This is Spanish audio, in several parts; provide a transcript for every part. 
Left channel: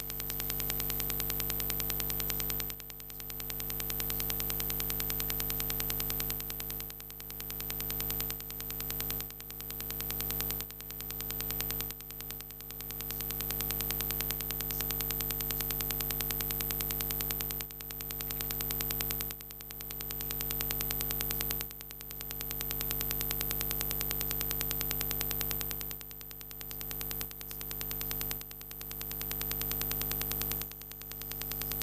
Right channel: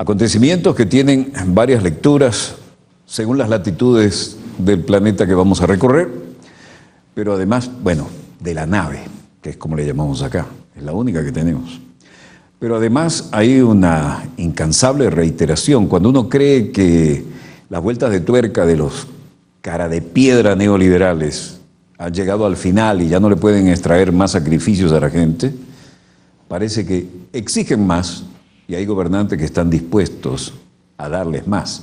Acontecimientos que tienen varias lecturas según las latitudes del planeta que vamos a recorrer, pero además, bueno, de la nave, que es como le llamamos acá, es la única que tenemos. Pero además hay una incansable reiteración. Cuando uno cree que las vueltas de tuerca de los cara de piedra neoliberales han llegado al final y ya no le pueden extraer más sacrificios a la gente, parece que exigen más y hay gobernantes que están dispuestos a darles más.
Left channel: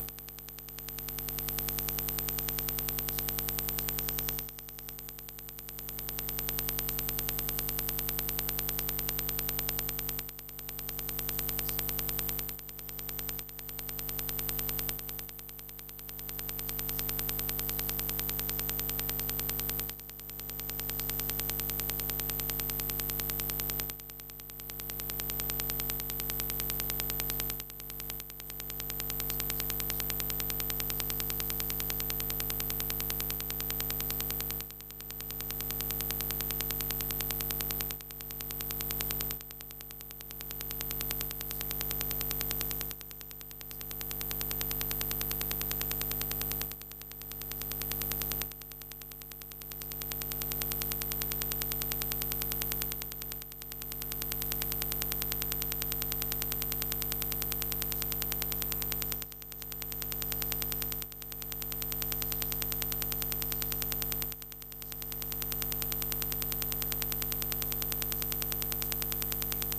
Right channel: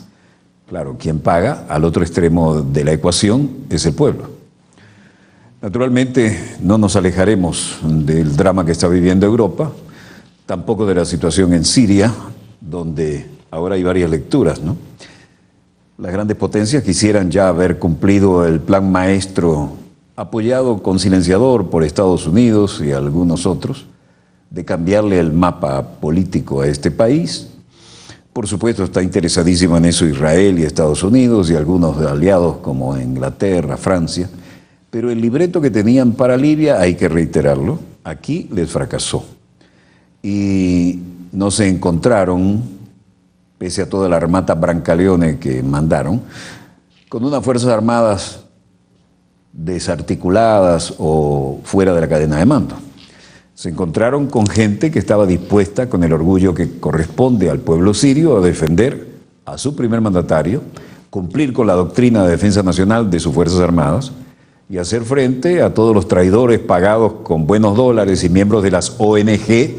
Claro, quien paga al otro extremo de la ecuación es el pueblo. Naturalmente no nos alejaremos del drama que está viviendo Europa, tampoco de la situación en Siria, donde ahora hay varias lecturas, ¿no? Las grandes potencias quisieran ya haber cumplido el plan maestro apoyado con silenciador por Estados Unidos y algunos otros, de cambiarle el mapa político a este país. Por supuesto está interesadísimo en eso Israel y Estados Unidos y algunos aliados como Inglaterra, Francia, pero el libreto que tenían para Libia, hay que reiterarlo, aquí les fracasó. Y no se encontraron, pese a toda la armata Brancaleone que mandaron, con unas fuerzas armadas desarticuladas o fuera de la cadena de mando. Se encontraron con gente que estaba dispuesta, con el orgullo que corresponde al pueblo sirio, a defender a su primer mandatario, cumplir con la doctrina de defensa nacional de sus Fuerzas Armadas y hacer frente a todos los traidores pagados con buenos dólares y miembros de las ONG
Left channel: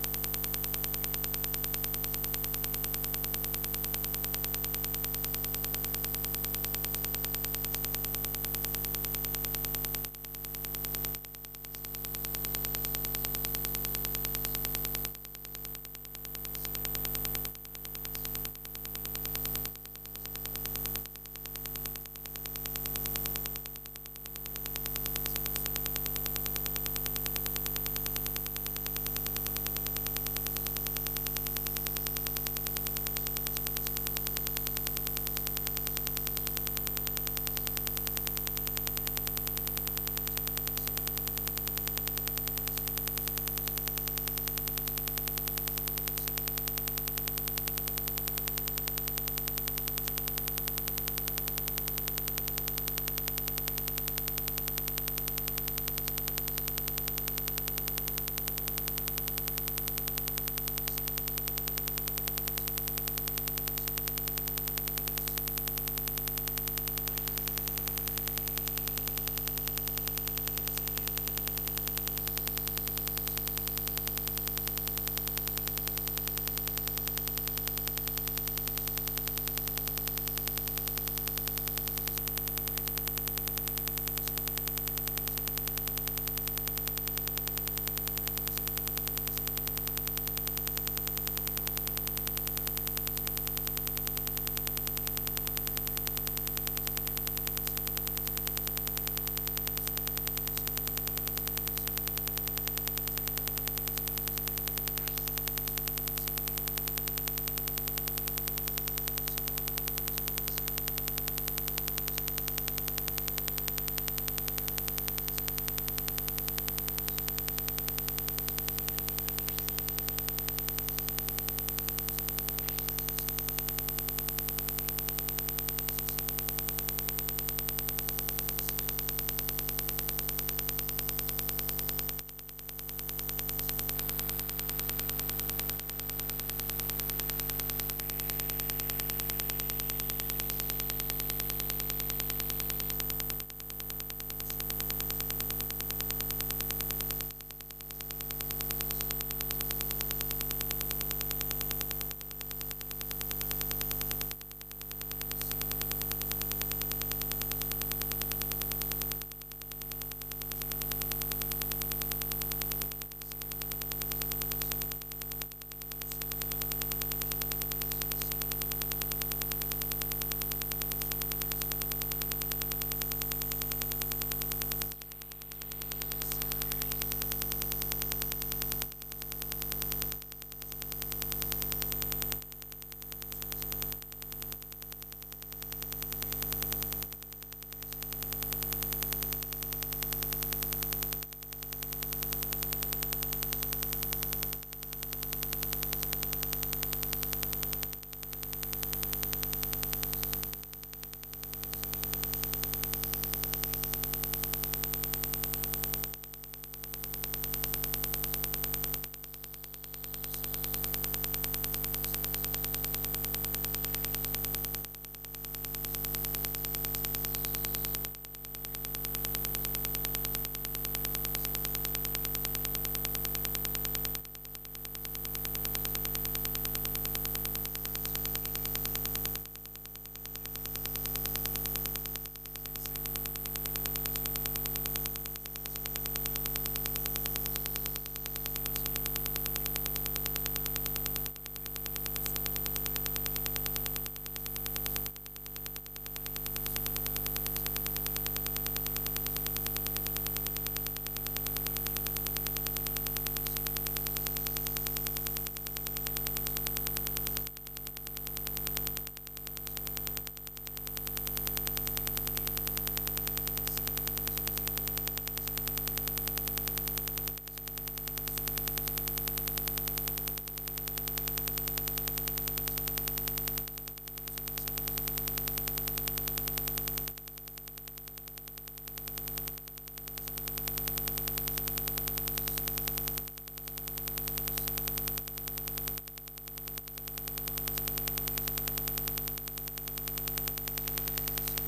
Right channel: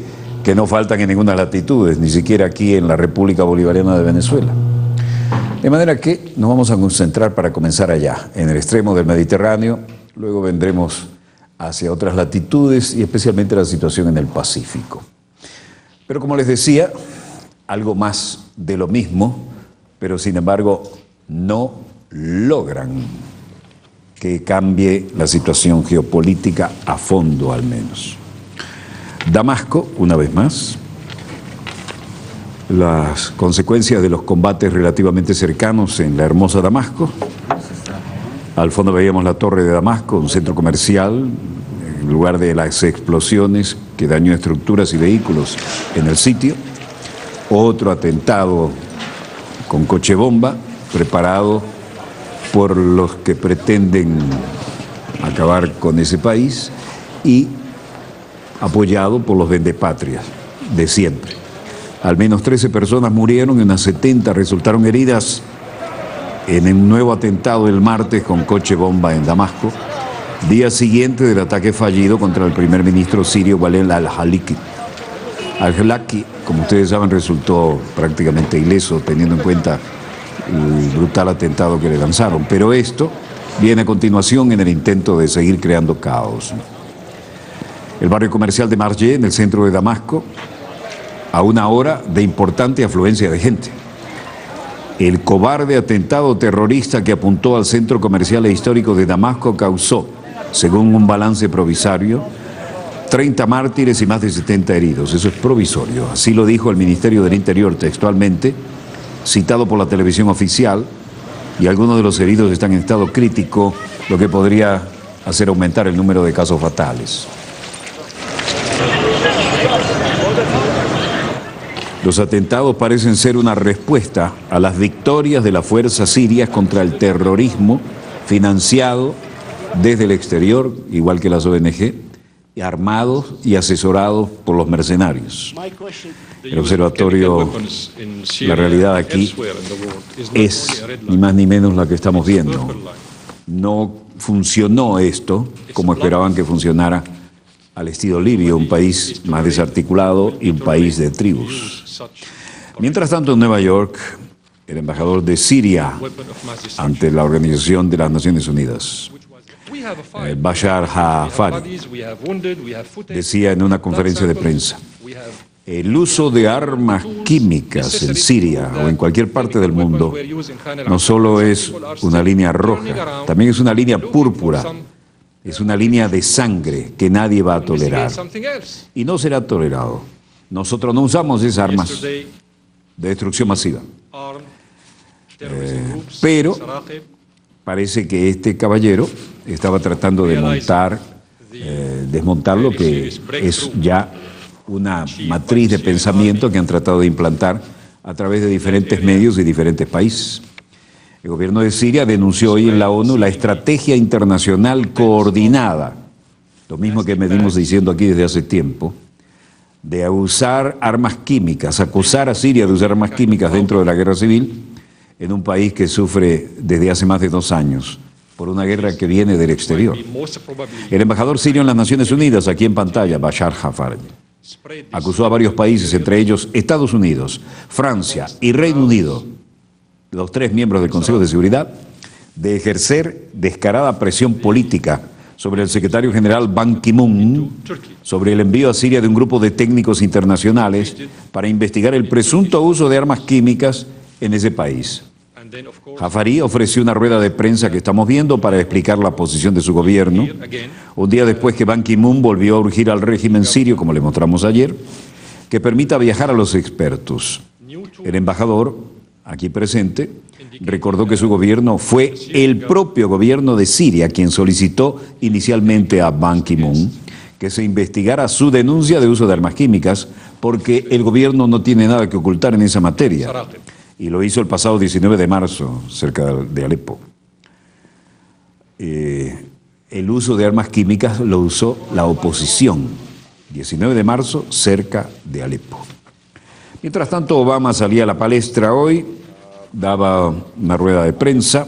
que no faltan en ninguna latitudes, ni siquiera aquí en la República Bolivariana de Venezuela. De manera que nos vamos a concentrar para comenzar allá, en el extremo del Mediterráneo, luego vendremos hacia otras latitudes y especialmente la situación en el Pacífico. Pero como les decía, algo más de lo mismo, pero sin embargo no logran que cambie la situación geopolítica a fondo al menos. Damasco, una vez más, las consecuencias de los combates relativamente cercanos en la hermosa Damasco. Al fondo veíamos la Torre de Damasco, un centro comercial, en lugar de las explosiones que dañó estructuras y vehículos en el sitio. Otro atentado con coche bomba, preparado por los que pretenden acabar con ese país y apoyado por los vendepatrias de siempre. Al menos 13 personas murieron y unas 70 resultaron heridas en un nuevo atentado el martes con coche bomba en Damasco, día siguiente del ataque fallido contra el primer ministro sirio Walid al-Haliki. Al-Halaki, como ustedes saben, resultó prácticamente ileso teniendo en cuenta el brutal atentado que le lanzaron, pero esto viene a continuación en el intento de seguir creando caos. El barrio comercial de Marjeh, en el centro de Damasco, a una hora de importante afluencia de gente. El cobarde atentado terrorista que apuntó al centro comercial e histórico de Damasco causó, según un balance provisorio, 30 mártires y más de 70 heridos. Eso es provisorio. Así lo dijo el Ministerio del Interior textualmente, citado por la televisión oficial, y algunos de los heridos están en estado crítico, lo que podría hacer aumentar el número de casos fatales. Los atentados parecen ser una respuesta a las victorias de las fuerzas sirias contra el terrorismo financiado desde el exterior, igual que las ONG, armados y asesorados por los mercenarios. El observatorio, la realidad aquí es ni más ni menos la que estamos viendo. No funcionó esto como esperaban que funcionara al estilo libio, un país más desarticulado y un país de tribus. Mientras tanto, en Nueva York, el embajador de Siria ante la Organización de las Naciones Unidas, Bashar Hafari, decía en una conferencia de prensa: el uso de armas químicas en Siria o en cualquier parte del mundo no solo es una línea roja, también es una línea púrpura, es una línea de sangre que nadie va a tolerar y no será tolerado. Nosotros no usamos esas armas de destrucción masiva. Pero parece que este caballero estaba tratando de desmontar lo que es ya una matriz de pensamiento que han tratado de implantar a través de diferentes medios y diferentes países. El gobierno de Siria denunció hoy en la ONU la estrategia internacional coordinada, lo mismo que venimos diciendo aquí desde hace tiempo, de usar armas químicas, acusar a Siria de usar armas químicas dentro de la guerra civil en un país que sufre desde hace más de 2 años por una guerra que viene del exterior. El embajador sirio en las Naciones Unidas, aquí en pantalla, Bashar Hafari, acusó a varios países, entre ellos Estados Unidos, Francia y Reino Unido, los 3 miembros del Consejo de Seguridad, de ejercer descarada presión política sobre el secretario general Ban Ki-moon sobre el envío a Siria de un grupo de técnicos internacionales para investigar el presunto uso de armas químicas en ese país. Hafari ofreció una rueda de prensa que estamos viendo para explicar la posición de su gobierno, un día después que Ban Ki-moon volvió a urgir al régimen sirio, como le mostramos ayer, que permita viajar a los expertos. El embajador, aquí presente, recordó que su gobierno fue el propio gobierno de Siria quien solicitó inicialmente a Ban Ki-moon que se investigara su denuncia de uso de armas químicas, porque el gobierno no tiene nada que ocultar en esa materia. Y lo hizo el pasado 19 de marzo, cerca de Alepo. El uso de armas químicas lo usó la oposición. 19 de marzo, cerca de Alepo. Mientras tanto, Obama salía a la palestra hoy, daba una rueda de prensa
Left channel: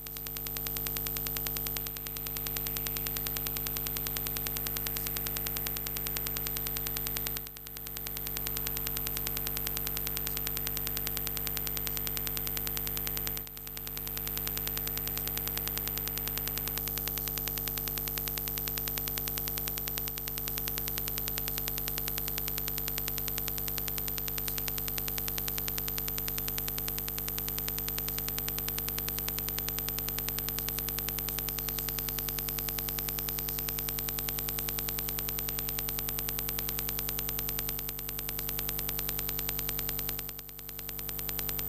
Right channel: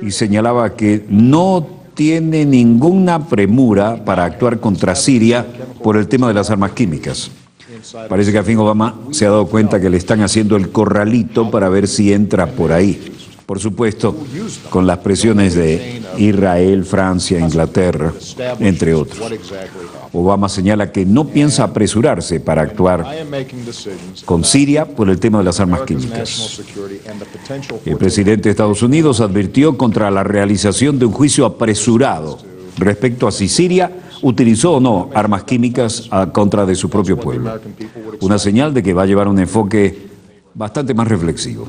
y señalaba que no tiene ninguna premura para actuar contra Siria por el tema de las armas químicas. Parece que al fin Obama se ha dado cuenta que le están haciendo el corralito para ver si entra por ahí. Por supuesto, con las presiones de Israel, Francia, Inglaterra, entre otros. Obama señala que no piensa apresurarse para actuar con Siria por el tema de las armas químicas. El presidente de Estados Unidos advirtió contra la realización de un juicio apresurado respecto a si Siria utilizó o no armas químicas a contra de su propio pueblo. Una señal de que va a llevar un enfoque bastante más reflexivo.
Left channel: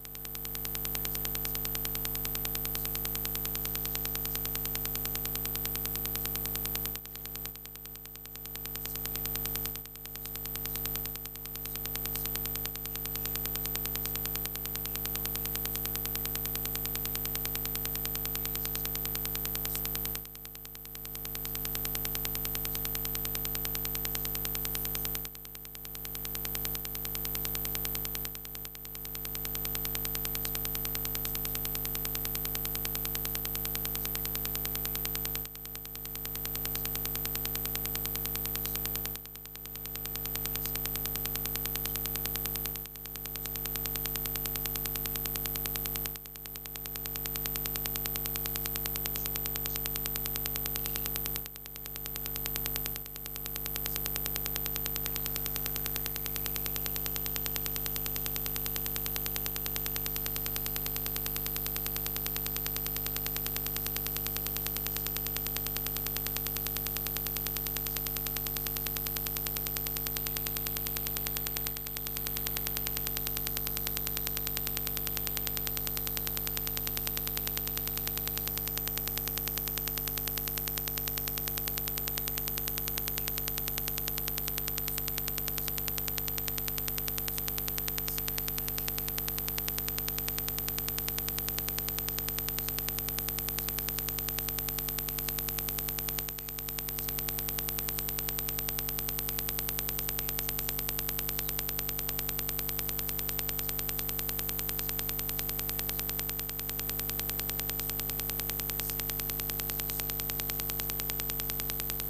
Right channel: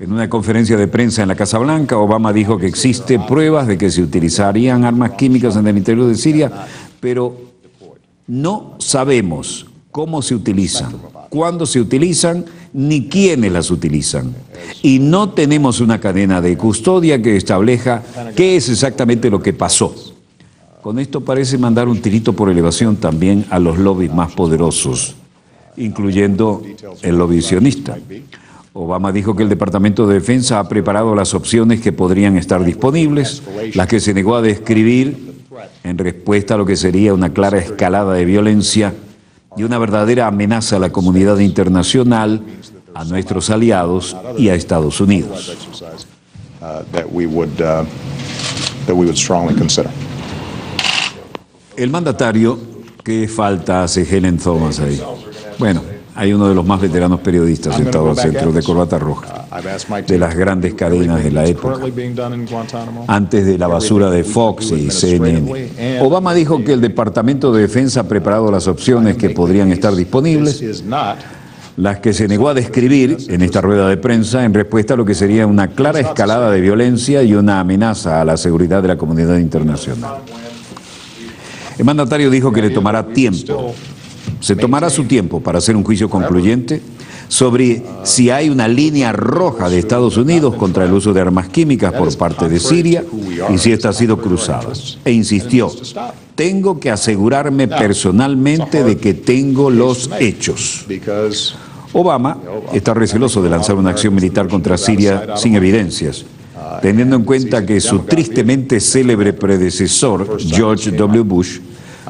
En una conferencia de prensa en la Casa Blanca, Obama dijo que existen pruebas de que se utilizarían armas químicas en el interior de Siria, pero no sabemos cómo se utilizan, cuándo se utilizan, ni quiénes las utilizan. Y no tenemos una cadena de custodia que establezca qué es exactamente lo que pasó. Con esto parece mandar un tirito por elevación también a los lobbies más poderosos, incluyendo el lobby sionista. Obama dijo que el Departamento de Defensa ha preparado las opciones que podrían estar disponibles, las que se negó a describir en respuesta a lo que sería una clara escalada de violencia y una verdadera amenaza a la comunidad internacional, a nuestros aliados y a Estados Unidos. El mandatario, ¿qué falta hace Helen Thomas ahí? Bueno, hay uno de los más veteranos periodistas sentado al centro, de corbata roja, de las grandes cadenas de la época, antes de la basura de Fox y CNN. Obama dijo que el Departamento de Defensa ha preparado las opciones que podrían estar disponibles, las que se negó a describir en esta rueda de prensa en respuesta a lo que sería una clara escalada de violencia y una amenaza a la seguridad de la comunidad internacional. El mandatario dijo que le tomará tiempo. Se tomará su tiempo para hacer un juicio concluyente sobre si hay una línea roja de Estados Unidos contra el uso de armas químicas por parte de Siria y si esta ha sido cruzada. E insistió, tengo que asegurarme personalmente de que tengo los hechos. Obama está receloso de lanzar una acción militar contra Siria sin evidencias, teniendo en cuenta que su tristemente célebre predecesor, George W. Bush,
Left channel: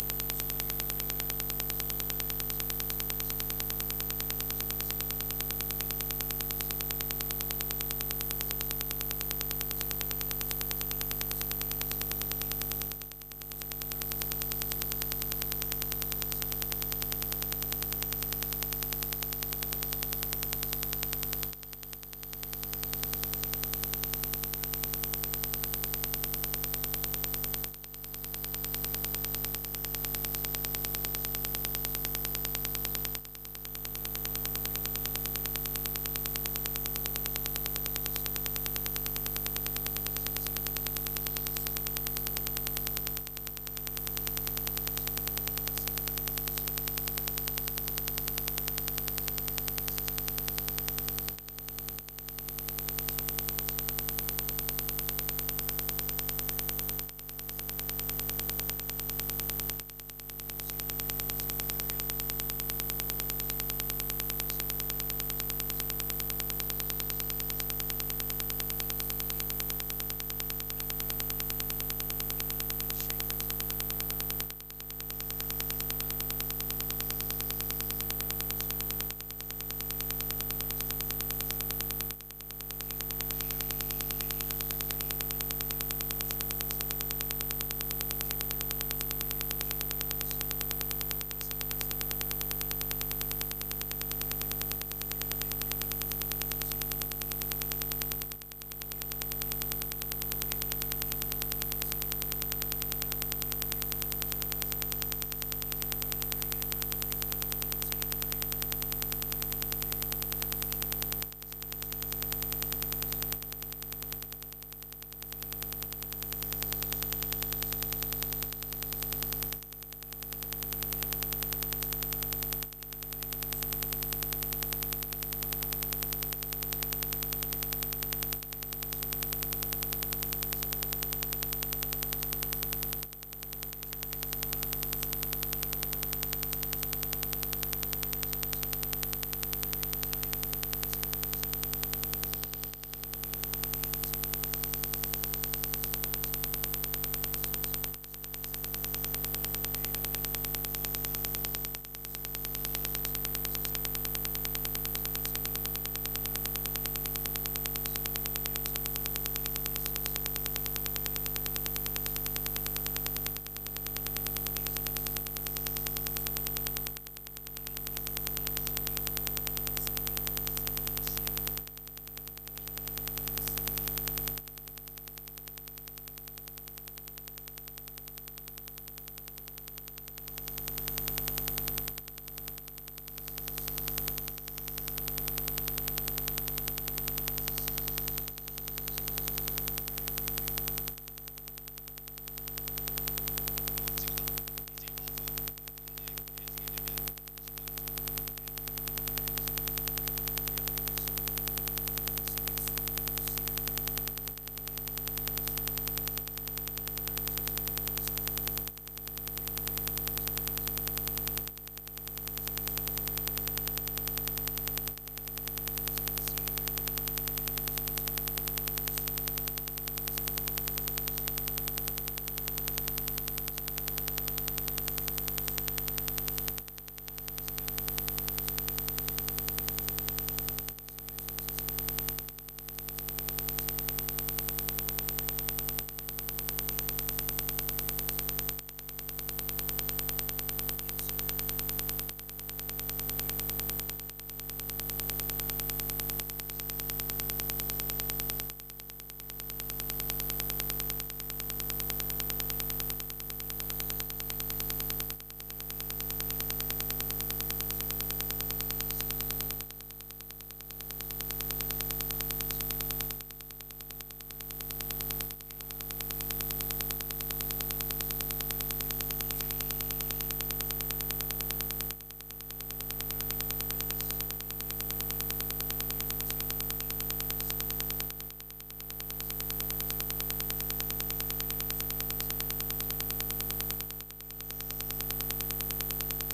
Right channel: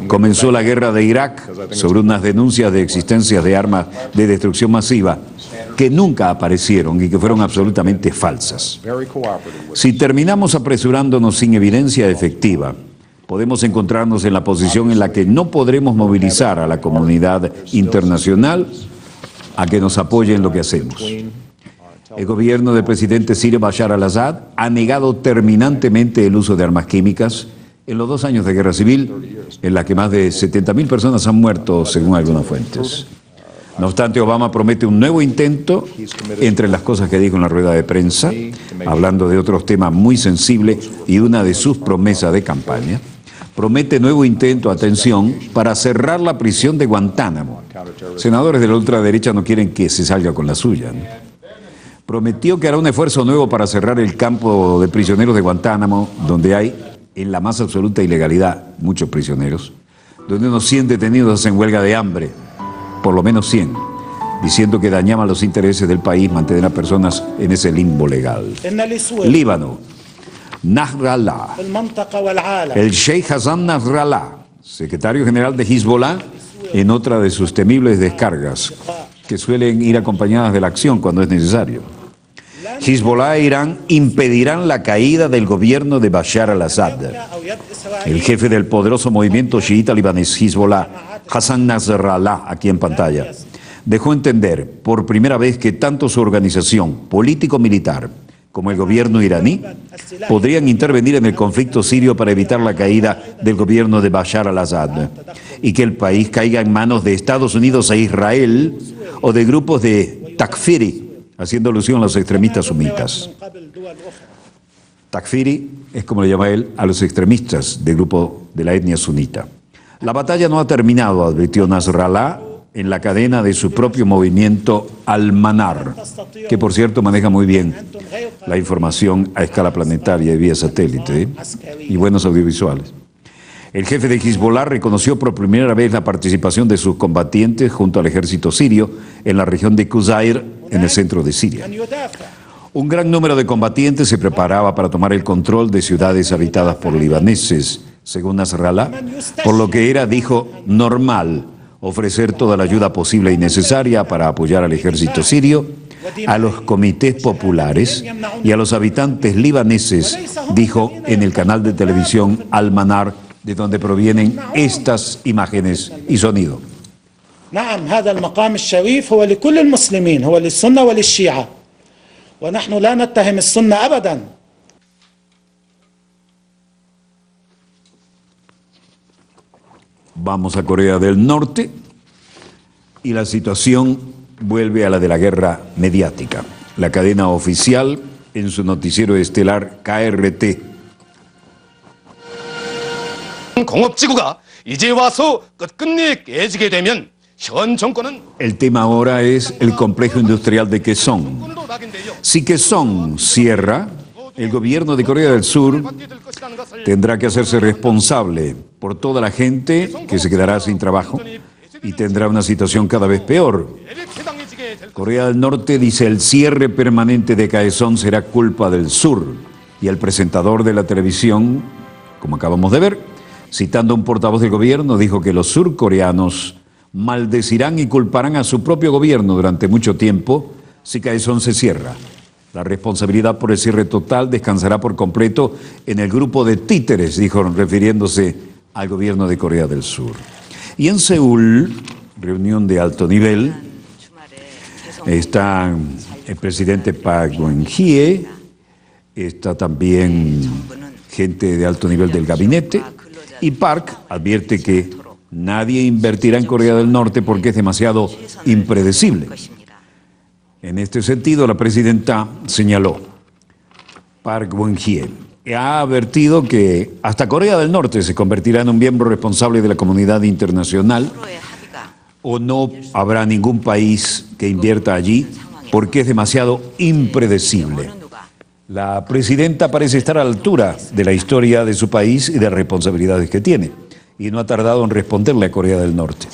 comenzó la guerra de Irak sobre unas denuncias de existencia de armas de destrucción masiva que nunca aparecieron y que fueron absolutamente falsas. Si terminamos apresurándonos sin evidencia efectiva, podemos encontrarnos en la posición en la que no podremos movilizar a la comunidad internacional a que nos apoye en lo que hacemos. El gobierno del presidente sirio Bashar al-Assad ha negado terminantemente el uso de armas químicas en los 2 años de guerra civil, en la que más de 70.000 personas han muerto, según algunas fuentes. No obstante, Obama promete un nuevo intento, entre las cosas que dijo en la rueda de prensa, hablando de otros temas muy sensibles y una de sus promesas de campaña. Promete nuevo intento, atención, para cerrar la prisión de Guantánamo, senadores de la ultraderecha no quieren que se salga con la suya, ¿no? Prometió que hará un esfuerzo nuevo para cerrar el campo de prisioneros de Guantánamo, donde hay, en la más absoluta ilegalidad, muchos prisioneros, donde unos 100 detenidos hacen huelga de hambre, por lo menos 100, diciendo que dañaban los intereses del país mantener a personas en ese limbo legal. Líbano, Nasrallah, el Sheikh Hassan Nasrallah, secretario general de Hezbollah, en otra de sus temibles descargas, que suelen ir acompañadas de la acción cuando es necesario. Hezbollah e Irán impedirán la caída del gobierno de Bashar al-Assad. El jefe del poderoso movimiento chiita libanés Hezbollah, Hassan Nasrallah, aquí en pantalla, dejó entender por primera vez que tanto su organización político-militar como el gobierno iraní podrían intervenir en el conflicto sirio para evitar la caída del gobierno de Bashar al-Assad y que el país caiga en manos de Estados Unidos e Israel o de grupos de Takfiri, haciendo alusión a los extremistas sunitas. Takfiri es, como le llama él, a los extremistas del grupo de la etnia sunita. La batalla no ha terminado, advirtió Nasrallah, en la cadena de su propio movimiento Al-Manar, que por cierto maneja muy bien la información a escala planetaria y vía satélite, y buenos audiovisuales. El jefe de Hezbollah reconoció por primera vez la participación de sus combatientes junto al ejército sirio en la región de Qusair, en el centro de Siria. Un gran número de combatientes se preparaba para tomar el control de ciudades habitadas por libaneses, según Nasrallah, por lo que era, dijo, normal ofrecer toda la ayuda posible y necesaria para apoyar al ejército sirio, a los comités populares y a los habitantes libaneses, dijo en el canal de televisión Al-Manar, de donde provienen estas imágenes y sonido. نعم هذا المقام الشريف هو لكل المسلمين هو للسنة وللشيعة ونحن لا نتهم السنة أبدا. Vamos a Corea del Norte y la situación vuelve a la de la guerra mediática. La cadena oficial en su noticiero estelar KRT. 공업지구가 이제 와서 끝끝내 깨지게 되면 현 정권은 El tema ahora es el complejo industrial de Kaesong. Si Kaesong cierra, el gobierno de Corea del Sur tendrá que hacerse responsable por toda la gente que se quedará sin trabajo y tendrá una situación cada vez peor. Corea del Norte dice el cierre permanente de Kaesong será culpa del sur, y el presentador de la televisión, como acabamos de ver, citando a un portavoz del gobierno, dijo que los surcoreanos maldecirán y culparán a su propio gobierno durante mucho tiempo si Kaesong se cierra. La responsabilidad por el cierre total descansará por completo en el grupo de títeres, dijo, refiriéndose al gobierno de Corea del Sur. Y en Seúl, reunión de alto nivel, está el presidente Park Geun-hye, está también gente de alto nivel del gabinete, y Park advierte que nadie invertirá en Corea del Norte porque es demasiado impredecible. En este sentido, la presidenta señaló, Park Geun-hye ha advertido que hasta Corea del Norte se convertirá en un miembro responsable de la comunidad internacional o no habrá ningún país que invierta allí porque es demasiado impredecible. La presidenta parece estar a la altura de la historia de su país y de las responsabilidades que tiene, y no ha tardado en responderle a Corea del Norte.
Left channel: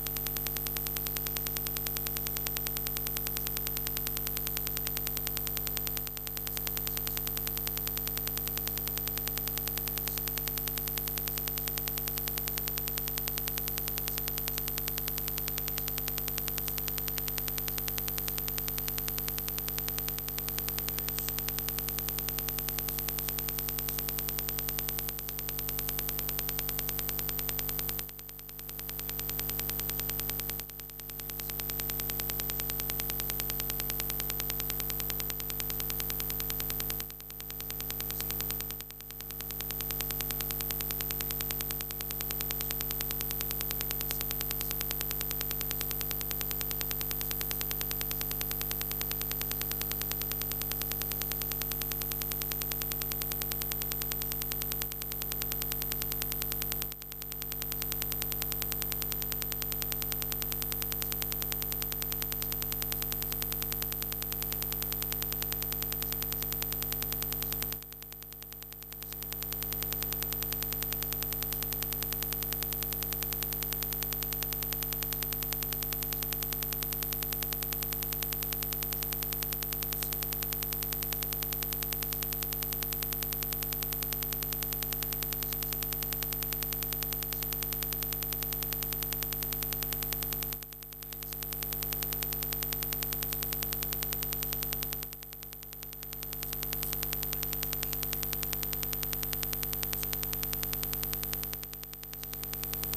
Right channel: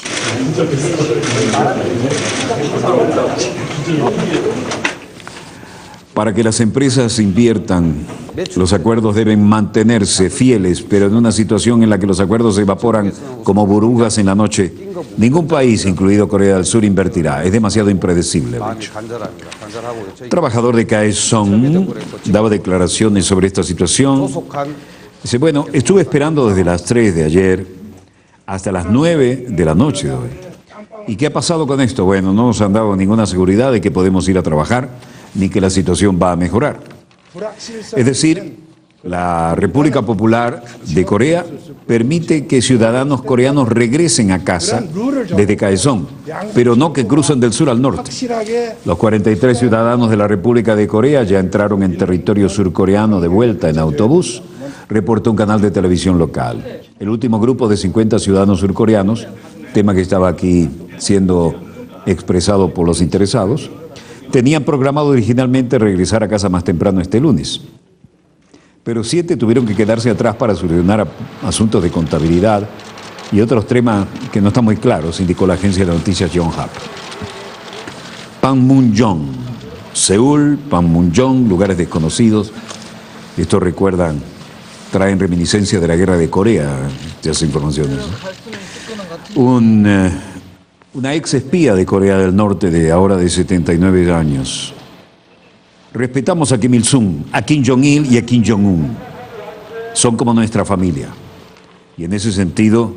Para que las empresas inviertan, los acuerdos deben mantenerse fieles, pero en una situación en la que los acuerdos se evaporan como burbujas en la noche, ningún país, incluido Corea del Sur, invertirá. Es demasiado impredecible, de hecho. El trabajador de Kaesong daba declaraciones sobre esta situación. Dice, bueno, estuve esperando desde las 3 de ayer hasta las 9 de la noche de hoy. ¿Y qué ha pasado con esto? Bueno, no nos han dado ninguna seguridad de que podemos ir a trabajar ni que la situación va a mejorar. Es decir, la República Popular de Corea permite que ciudadanos coreanos regresen a casa desde Kaesong, pero no que crucen del sur al norte. Los 43 ciudadanos de la República de Corea ya entraron en territorio surcoreano de vuelta en autobús, reportó un canal de televisión local. El último grupo de 50 ciudadanos surcoreanos, tema que estaba aquí siendo expresado por los interesados, tenían programado originalmente regresar a casa más temprano este lunes. Pero 7 tuvieron que quedarse atrás para solucionar asuntos de contabilidad y otros temas que no están muy claros, indicó la agencia de noticias Yonhap. Panmunjom, Seúl, Panmunjom, lugares desconocidos. Estos traen reminiscencias de la guerra de Corea, estas informaciones. Una ex espía de Corea del Norte de ahora de 79 años. Respetamos a Kim Il-sung, a Kim Jong-il y a Kim Jong-un. Son como nuestra familia. Y en ese sentido,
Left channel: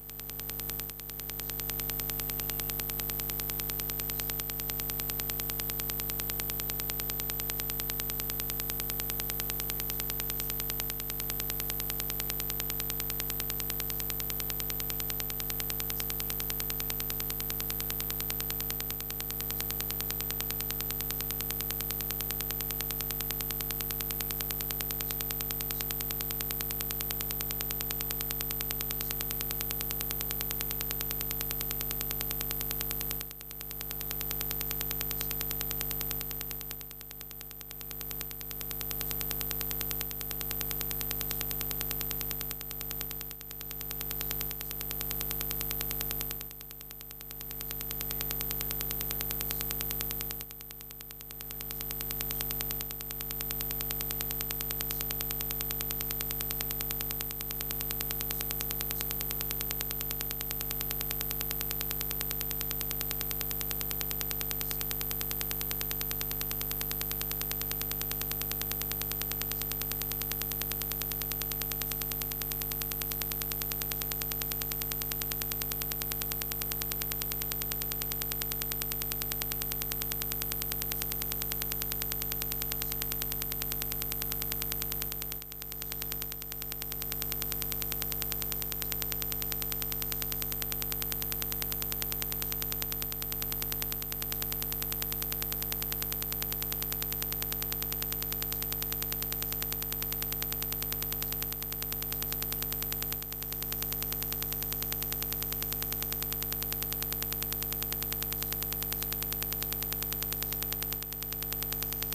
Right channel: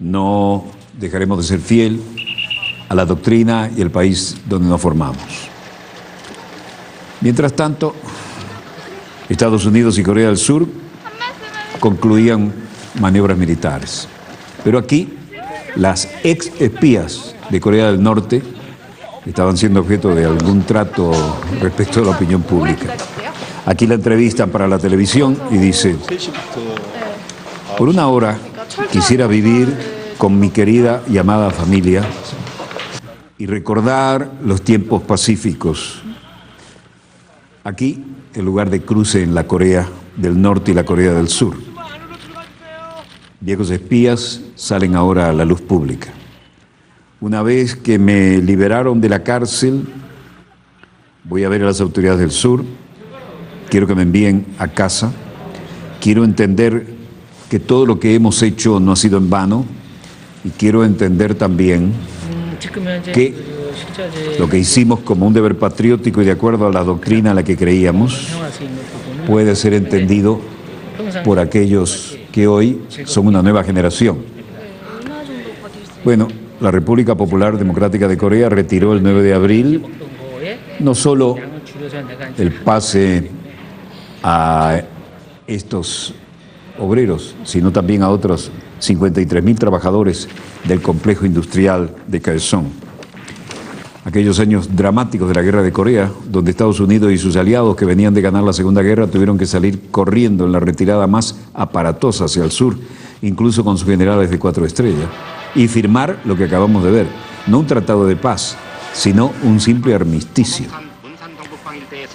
no dejaremos de ser fiel a la doctrina y el país donde nos formamos. Mientras tanto, Estados Unidos y Corea del Sur concluían maniobras militares. Pero aquí, las ex espías de Corea del Norte estaban siendo objeto de algún trato respecto de la opinión pública. Aquí la entrevistan para la televisión y dice: por una hora quisiera vivir con mi querida y amada familia y recordar los tiempos pacíficos. Aquí, el lugar de cruce en la Corea del Norte y la Corea del Sur. Viejos espías salen ahora a la luz pública. Una vez que me liberaron de la cárcel, voy a ver a las autoridades del sur, quiero que me envíen a casa, quiero entender que todo lo que hemos hecho no ha sido en vano y quiero entender también que lo que hicimos como un deber patriótico y de acuerdo a la doctrina a la que creíamos puede ser entendido por aquellos que hoy son una nueva generación. Bueno, la República Popular Democrática de Corea retiró el 9 de abril no solo el pase a estos obreros, sino también a otros 53.000 trabajadores del complejo industrial de Kaesong. Aquellos años dramáticos de la guerra de Corea, donde Estados Unidos y sus aliados que venían de ganar la Segunda Guerra tuvieron que salir corriendo en la retirada más aparatosa hacia el sur, incluso con sus generales de 4 estrellas, y firmar lo que acabamos de ver, no un tratado de paz, sino un simple armisticio.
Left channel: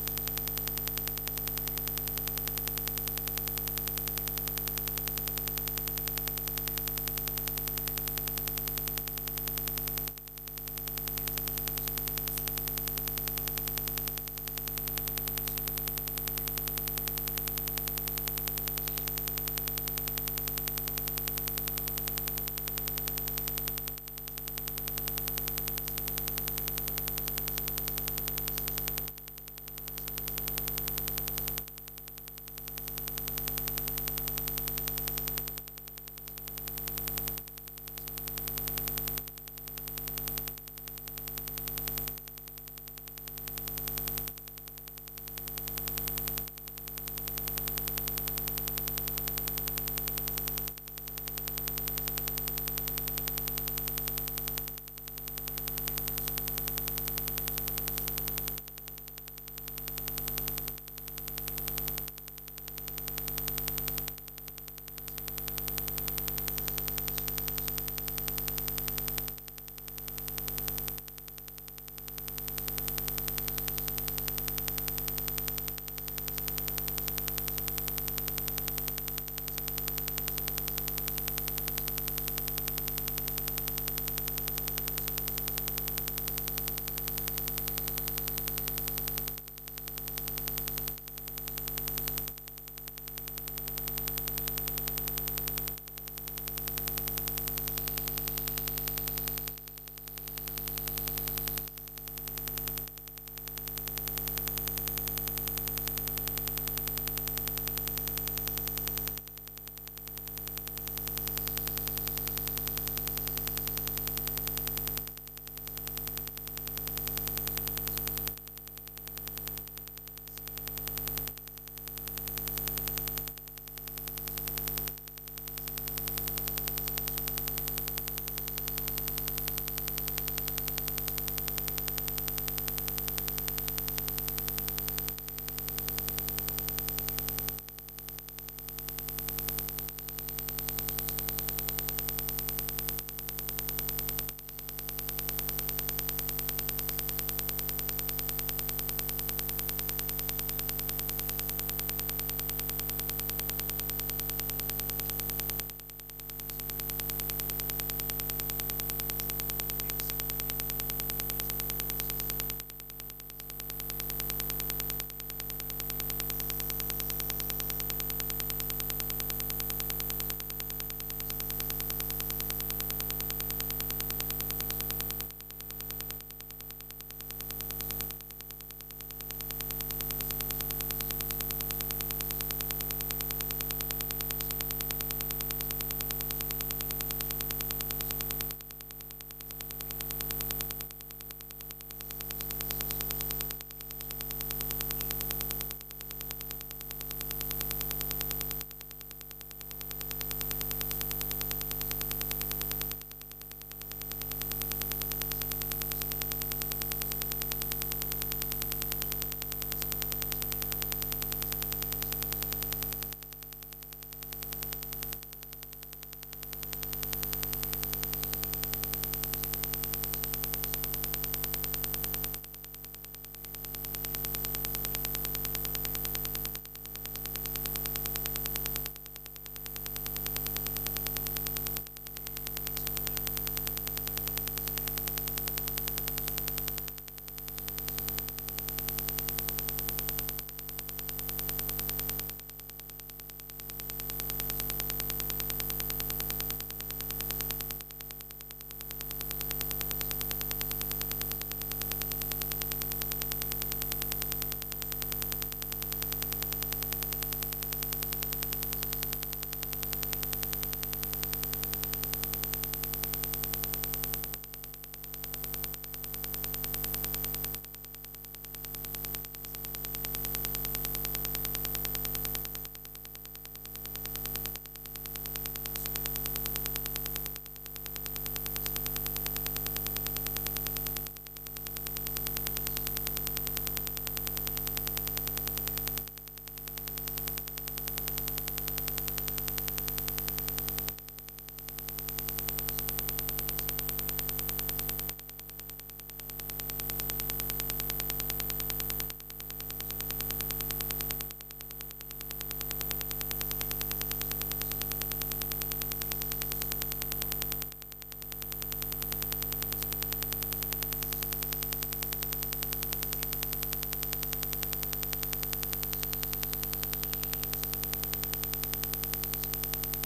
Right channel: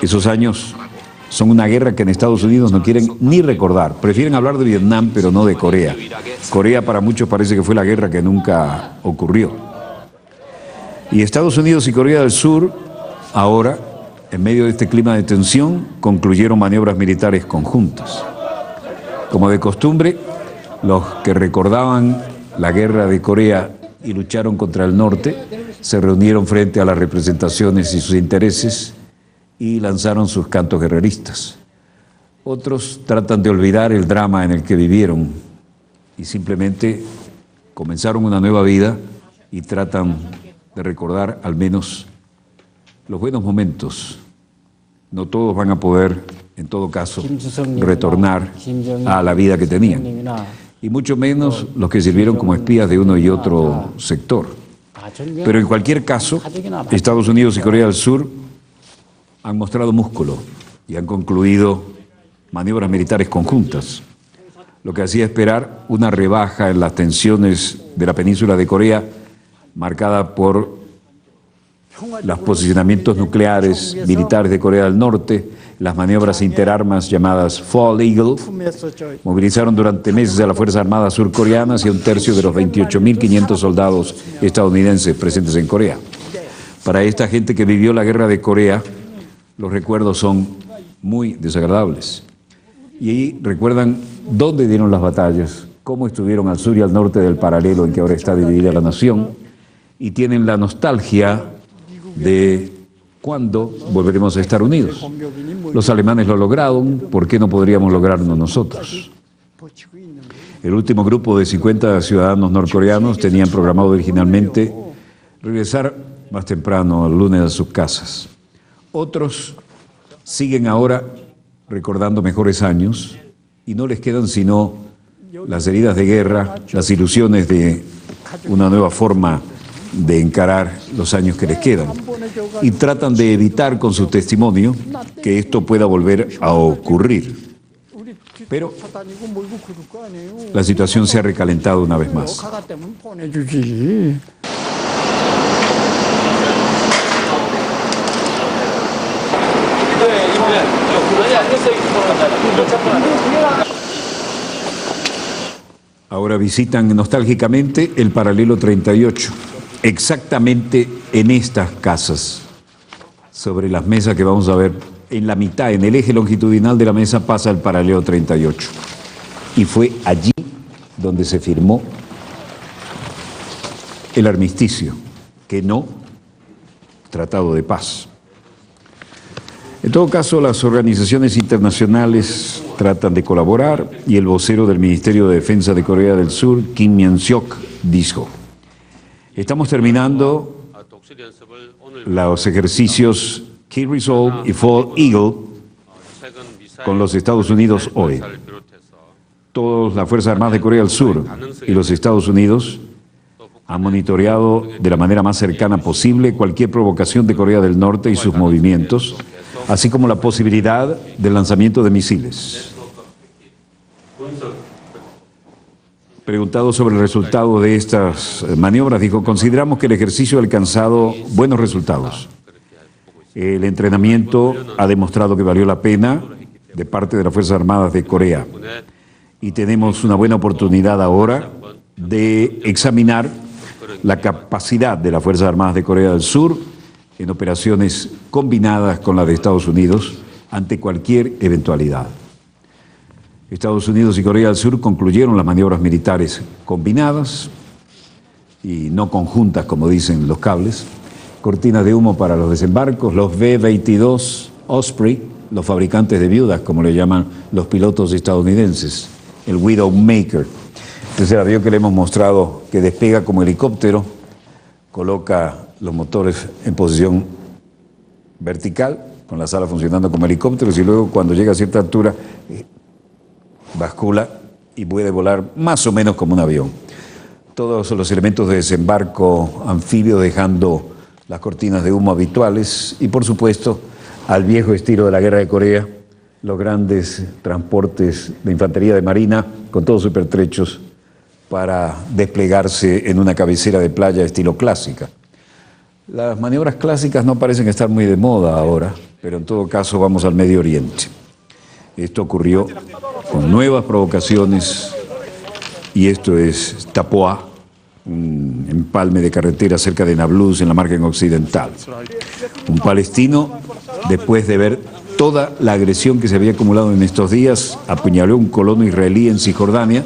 Esos años son una guerra que en Estados Unidos no quieren ni recordar. Prefieren hablar de Vietnam, pero no de Corea. Corea para muchos parece que fue la guerra que nunca ocurrió. Y Estados Unidos y Corea del Sur, ahora, en medio de este clima de tensión, concluyeron maniobras militares conjuntas. Como de costumbre, los que recordaban la guerra de Corea y lucharon contra el norte, se reunieron frente a las representaciones y sus intereses y lanzaron sus cantos guerreristas. Otros tratan de olvidar el drama en el que vivieron y simplemente comenzaron una nueva vida y tratan de recordar al menos los buenos momentos. No todos van a poder, en todo caso, retornar a la vida que tenían, y mucho menos los que sirvieron como espías de uno y otro sector. Pero en cualquier caso, Estados Unidos y Corea del Sur han mostrado músculo y han concluido maniobras militares conjuntas, lo que hacía esperar una rebaja en las tensiones de la península de Corea, marcada por los posicionamientos nucleares militares de Corea del Norte, las maniobras interarmas llamadas Fall Eagle, movilizaron durante meses a las Fuerzas Armadas surcoreanas y a un tercio de los 28.500 soldados estadounidenses presentes en Corea. Para esta gente que vivió la guerra de Corea, los recuerdos son muy desagradables. Y ahí recuerdan dónde dieron las batallas, cómo estuvieron al sur y al norte del paralelo en que ahora está dividida la nación, y tienen la nostalgia de cuándo volveremos a estar unidos. Los alemanes lo lograron, ¿por qué no podríamos lograrlo nosotros? El último grupo de 50 ciudadanos norcoreanos tenían programado originalmente regresar más temprano el lunes a sus casas. Otros siguen ahora recordando mejores años y no les quedan sino las heridas de guerra, las ilusiones de una nueva forma de encarar los años que les quedan. Y tratan de evitar con su testimonio que esto pueda volver a ocurrir. Pero la situación se ha recalentado una vez más. Ahora visitan nostálgicamente el paralelo 38, exactamente en estas casas, sobre las mesas que vamos a ver. En la mitad, en el eje longitudinal de la mesa, pasa el paralelo 38. Y fue allí donde se firmó el armisticio, que no tratado de paz. En todo caso, las organizaciones internacionales tratan de colaborar y el vocero del Ministerio de Defensa de Corea del Sur, Kim Myung-seok, dijo: estamos terminando los ejercicios Key Resolve y Fall Eagle con los Estados Unidos hoy. Todas las Fuerzas Armadas de Corea del Sur y los Estados Unidos han monitoreado de la manera más cercana posible cualquier provocación de Corea del Norte y sus movimientos, así como la posibilidad del lanzamiento de misiles. Preguntado sobre el resultado de estas maniobras, dijo: consideramos que el ejercicio ha alcanzado buenos resultados. El entrenamiento ha demostrado que valió la pena de parte de las Fuerzas Armadas de Corea. Y tenemos una buena oportunidad ahora de examinar la capacidad de las Fuerzas Armadas de Corea del Sur en operaciones combinadas con las de Estados Unidos ante cualquier eventualidad. Estados Unidos y Corea del Sur concluyeron las maniobras militares combinadas y no conjuntas, como dicen los cables. Cortinas de humo para los desembarcos, los B-22 Osprey, los fabricantes de viudas, como le llaman los pilotos estadounidenses, el Widowmaker. Este es el avión que le hemos mostrado que despega como helicóptero, coloca los motores en posición vertical, con las alas funcionando como helicópteros, y luego cuando llega a cierta altura bascula y puede volar más o menos como un avión. Todos los elementos de desembarco anfibio dejando las cortinas de humo habituales y, por supuesto, al viejo estilo de la Guerra de Corea, los grandes transportes de infantería de marina con todos sus pertrechos para desplegarse en una cabecera de playa estilo clásica. Las maniobras clásicas no parecen estar muy de moda ahora, pero en todo caso vamos al Medio Oriente. Esto ocurrió con nuevas provocaciones y esto es Tapoa, un empalme de carretera cerca de Nablus en la margen occidental. Un palestino, después de ver toda la agresión que se había acumulado en estos días, apuñaló a un colono israelí en Cisjordania,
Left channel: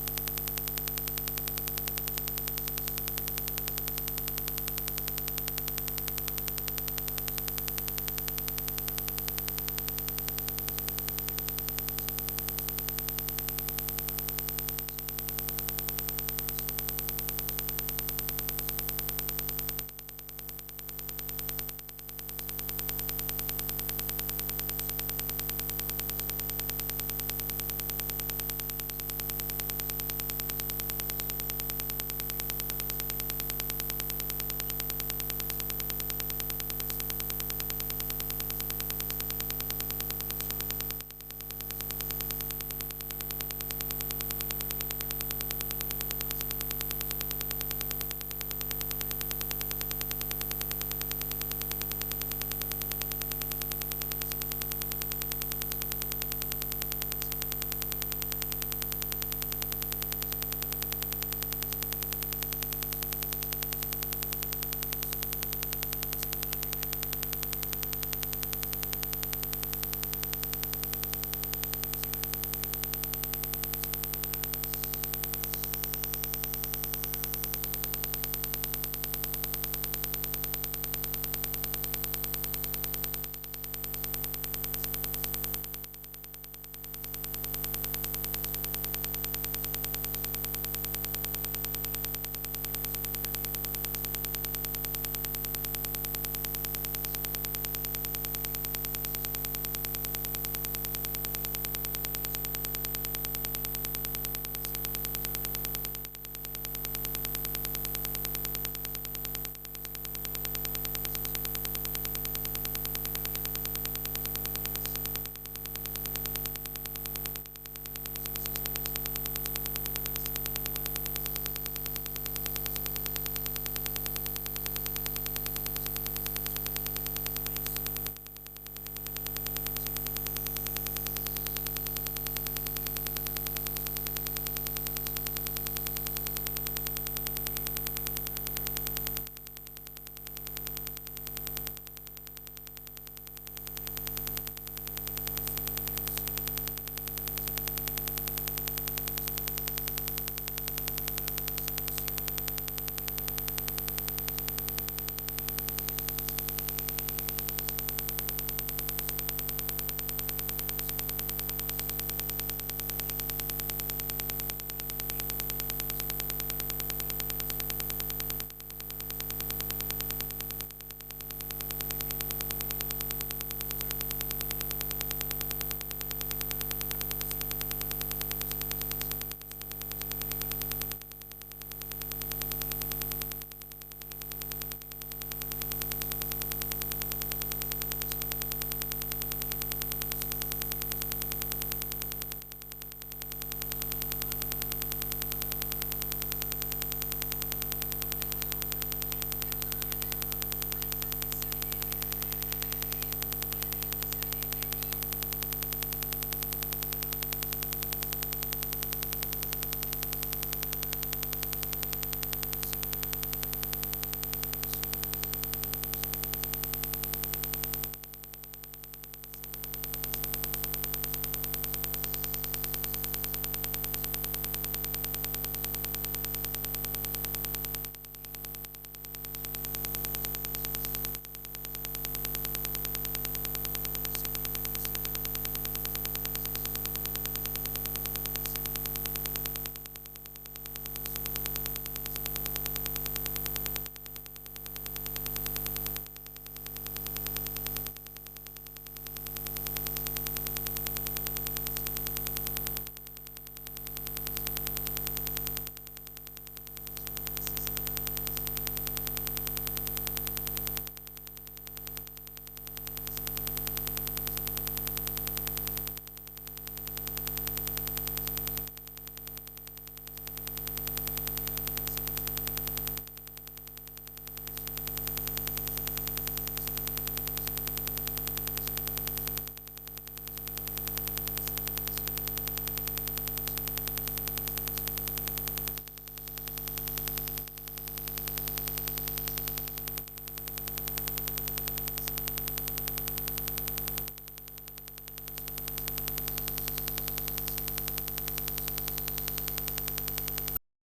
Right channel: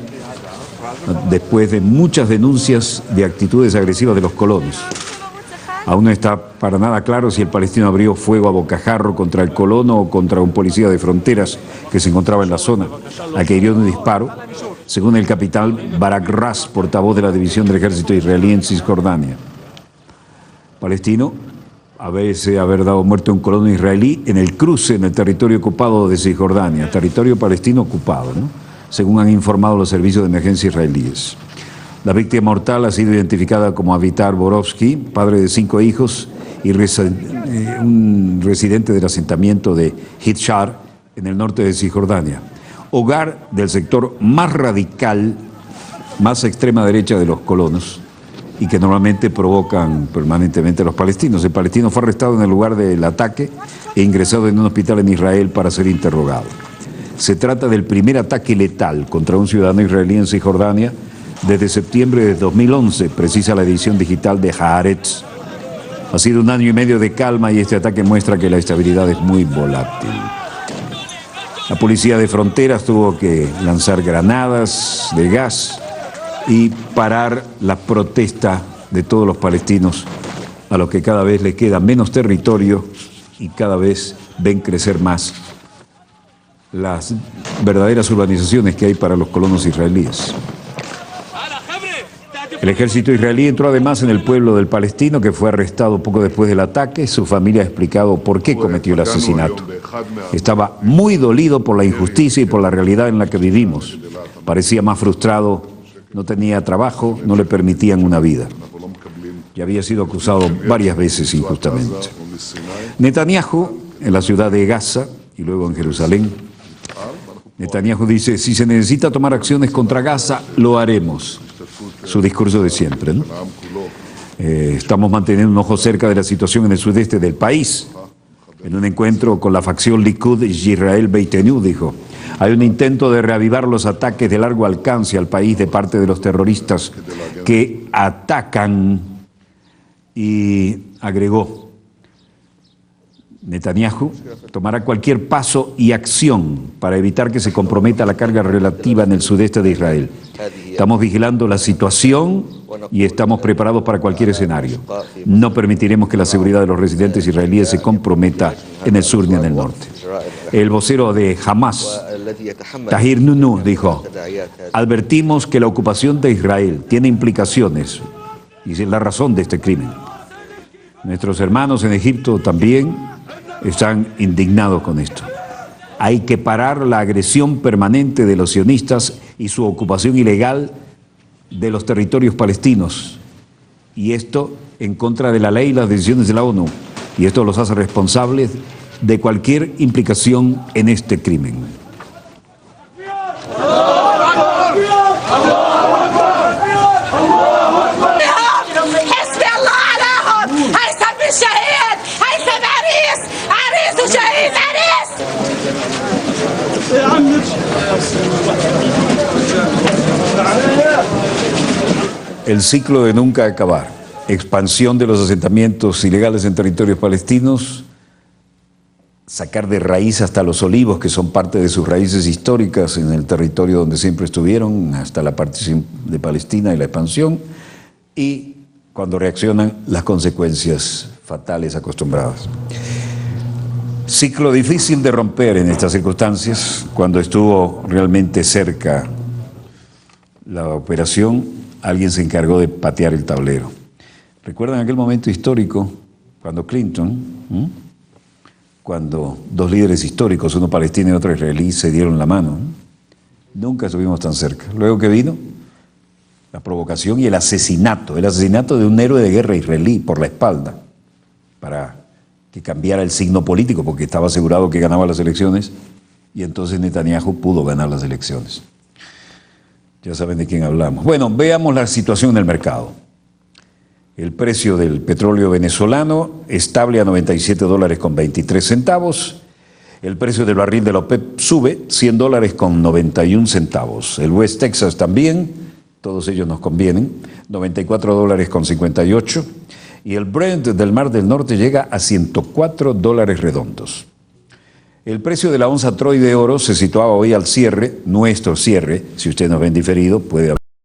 después de muchas denuncias de actitudes agresivas de los colonos. Aún no está para nada claro si el palestino abrió fuego a bocajarro contra el colono o contra un policía de fronteras que se encontraba en la zona, a que hirió un disparo, según el capitán Barak Ras, portavoz de la división del ejército israelí en Cisjordania. Palestino parece haber dado muerte a un colono israelí en el cruce en el territorio ocupado de Cisjordania, territorio palestino ocupado, ¿no?, según han informado los servicios de emergencia israelíes. La víctima mortal ha sido identificada como Avitar Borovsky, padre de 5 hijos y un residente del asentamiento de Hitshar, en el norte de Cisjordania, hogar del sector más radical, más extrema derecha de los colonos, y que normalmente provocan permanentemente a los palestinos. El palestino fue arrestado en el lugar del ataque e ingresado en un hospital en Israel para ser interrogado. Se trata del primer ataque letal contra un ciudadano israelí en Cisjordania desde septiembre de 2011, precisa la edición digital de Haaretz. Ha sido un año y medio de calma y este ataque muestra que la estabilidad es muy volátil. La policía de fronteras tuvo que lanzar granadas de gas y parar la protesta de todos los palestinos, a los que cada vez les queda menos territorio y cada vez ven crecer más las verdaderas urbanizaciones que hay para los colonos israelíes. El ejército israelí entró además en el pueblo del palestino, que fue arrestado poco después del ataque. Su familia ha explicado por qué cometió el asesinato. Estaba muy dolido por la injusticia y por la realidad en la que vivimos. Parecía más frustrado, no tenía trabajo, no le permitían una vida. Y había sido acusado varias veces injustamente. Netanyahu, en la ciudad de Gaza y luego en Jerusalén, Netanyahu dice: si se necesita tomar acciones contra Gaza, lo haremos. Su discurso de siempre, ¿no? Estamos manteniendo un ojo cerca de la situación en el sudeste del país. En un encuentro con la facción Likud y Israel Beitenu, dijo, hay un intento de reavivar los ataques de largo alcance al país de parte de los terroristas que atacan, y agregó, Netanyahu tomará cualquier paso y acción para evitar que se comprometa la carga relativa en el sudeste de Israel. Estamos vigilando la situación y estamos preparados para cualquier escenario. No permitiremos que la seguridad de los residentes israelíes se comprometa en el sur ni en el norte. El vocero de Hamas, Tahir Nunu, dijo, advertimos que la ocupación de Israel tiene implicaciones y es la razón de este crimen. Nuestros hermanos en Egipto también están indignados con esto. Hay que parar la agresión permanente de los sionistas y su ocupación ilegal de los territorios palestinos. Y esto en contra de la ley y las decisiones de la ONU. Y esto los hace responsables de cualquier implicación en este crimen. El ciclo de nunca acabar, expansión de los asentamientos ilegales en territorios palestinos, sacar de raíz hasta los olivos, que son parte de sus raíces históricas en el territorio donde siempre estuvieron, hasta la partición de Palestina y la expansión, y cuando reaccionan, las consecuencias fatales acostumbradas. Ciclo difícil de romper en estas circunstancias, cuando estuvo realmente cerca la operación, alguien se encargó de patear el tablero. ¿Recuerdan aquel momento histórico cuando Clinton, cuando dos líderes históricos, uno palestino y otro israelí, se dieron la mano? Nunca estuvimos tan cerca. Luego que vino la provocación y el asesinato de un héroe de guerra israelí por la espalda, para que cambiara el signo político, porque estaba asegurado que ganaba las elecciones, y entonces Netanyahu pudo ganar las elecciones. Ya saben de quién hablamos. Bueno, veamos la situación en el mercado. El precio del petróleo venezolano estable a $97.23. El precio del barril de la OPEP sube $100.91. El West Texas también, todos ellos nos convienen, $94.58. Y el Brent del Mar del Norte llega a $104 redondos. El precio de la onza Troy de oro se situaba hoy al cierre, nuestro cierre, si usted nos ven diferido, puede haber